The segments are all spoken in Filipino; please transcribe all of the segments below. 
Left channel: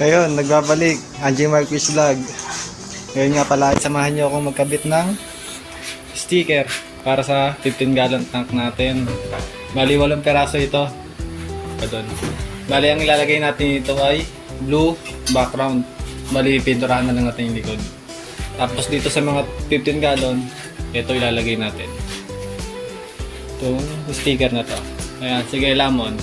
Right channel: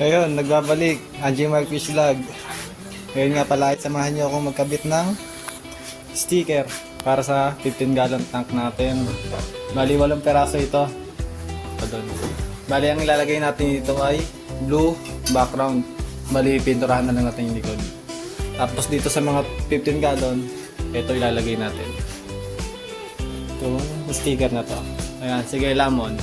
Ngayon, nagbabalik. Anjing Marquez Vlog. Ngayon nga pala, samahan niyo akong magkabit ng sticker para sa 15 gallon tank natin. Bali, 8 peraso ito. Bali, ang ilalagay natin ito ay blue background. Bali, pinturahan na lang natin yung likod. Tapos dito sa mga 15 gallon, ito ilalagay natin. Ito, sticker na to. Ayan, sige, lamon.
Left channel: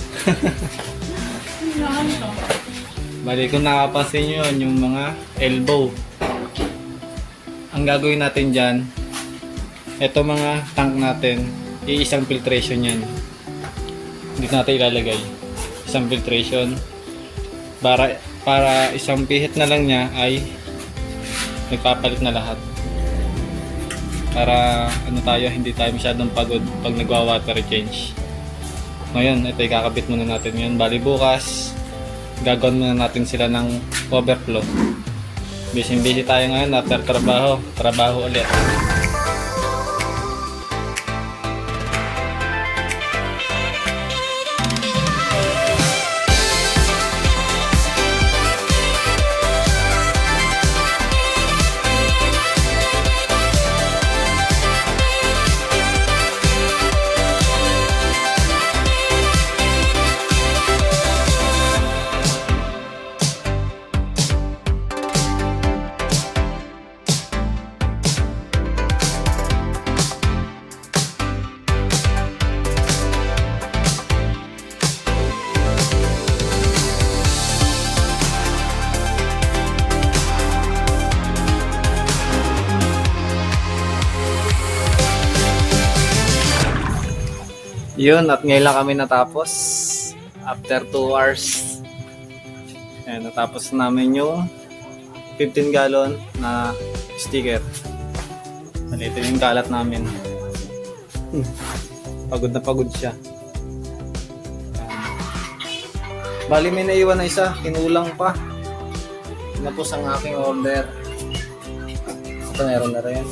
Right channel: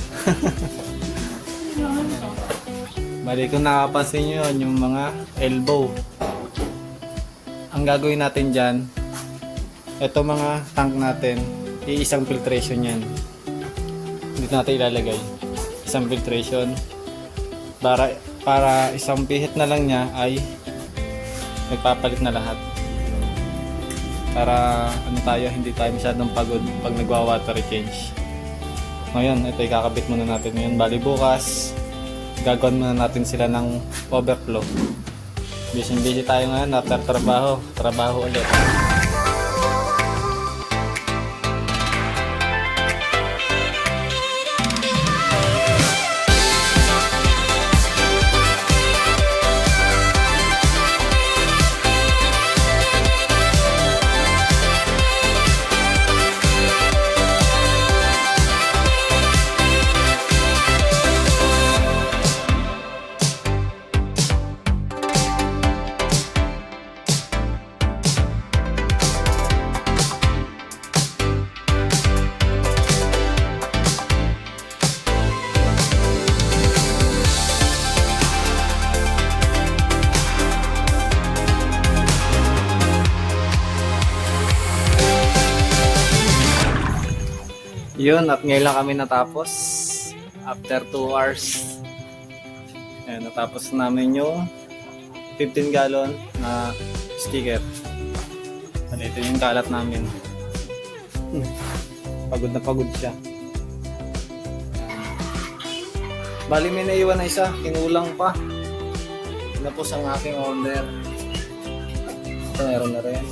Bali, kung nakapansin nyo yun, yung mga elbow. Ang gagawin natin dyan, ito mga tank natin, iisang filtration yan. Dito natin ilalagay. Isang filtration. Para isang pihit na lang niya ay nagpapalit na lahat. Para hindi tayo masyadong pagod pag nagwa-water change. Ngayon, ito ikakabit muna natin ngayon. Bali, bukas gagawin muna natin sila ng overflow. Busy tayo ngayon after trabaho ulit. Yun, at ngayon lang kami natapos after 2 hours. Ayun, natapos namin yung 15 gallon na sticker. Ito yung kalat namin. Pagod na pagod siya. Bali, may naiwan na isa, kinulang pa. Tapos ang aking order. Ito, meron na rin.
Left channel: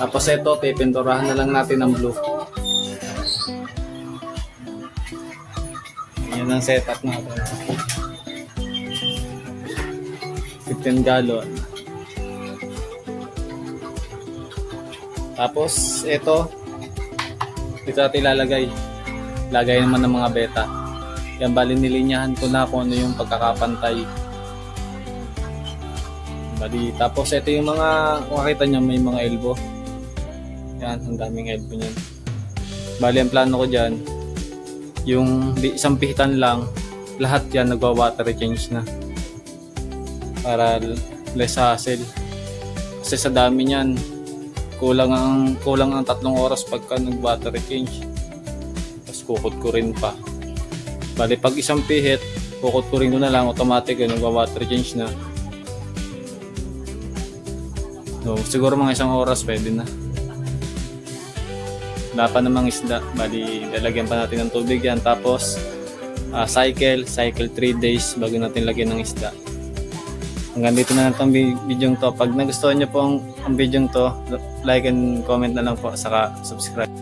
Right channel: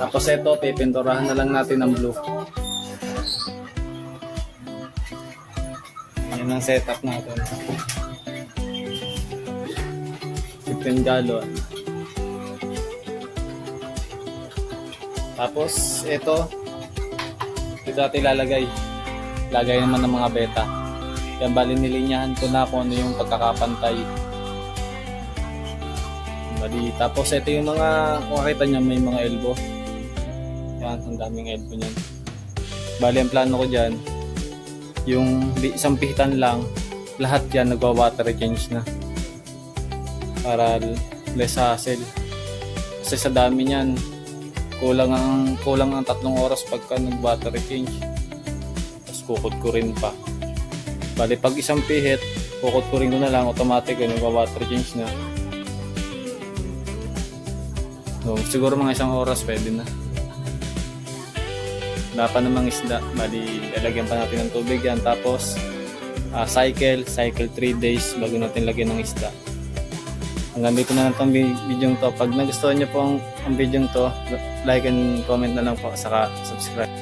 Tapos ito, pipinturahan na lang natin ng blue. Ayun ang setup natin. 15 gallon. Tapos ito natin ilalagay. Lagay naman ng mga beta. Yan, bali nilinyahan ko na kung ano yung pagkakapantay. Bali, tapos ito yung mga, kung makita nyo may mga elbow. Yan, ang daming elbow niya. Bali, ang plano ko dyan, yung isang pihitan lang, lahat yan nagwa-water change na. Para less hassle. Kasi sa dami niyan, kulang ang 3 oras pagka nag-water change. Tapos kukot ko rin pa. Bali, pag isang pihit, kukot ko rin na lang, automatic nagwa-water change na. No, siguro mga 1 oras pwede na. Wala pa namang isda, bali lalagyan pa natin ng tubig yan, tapos cycle 3 days bago natin lagyan ng isda. Hanggang dito na lang itong video to. Pag nagustuhan nyo po ang video to, like and comment na lang po, saka subscribe.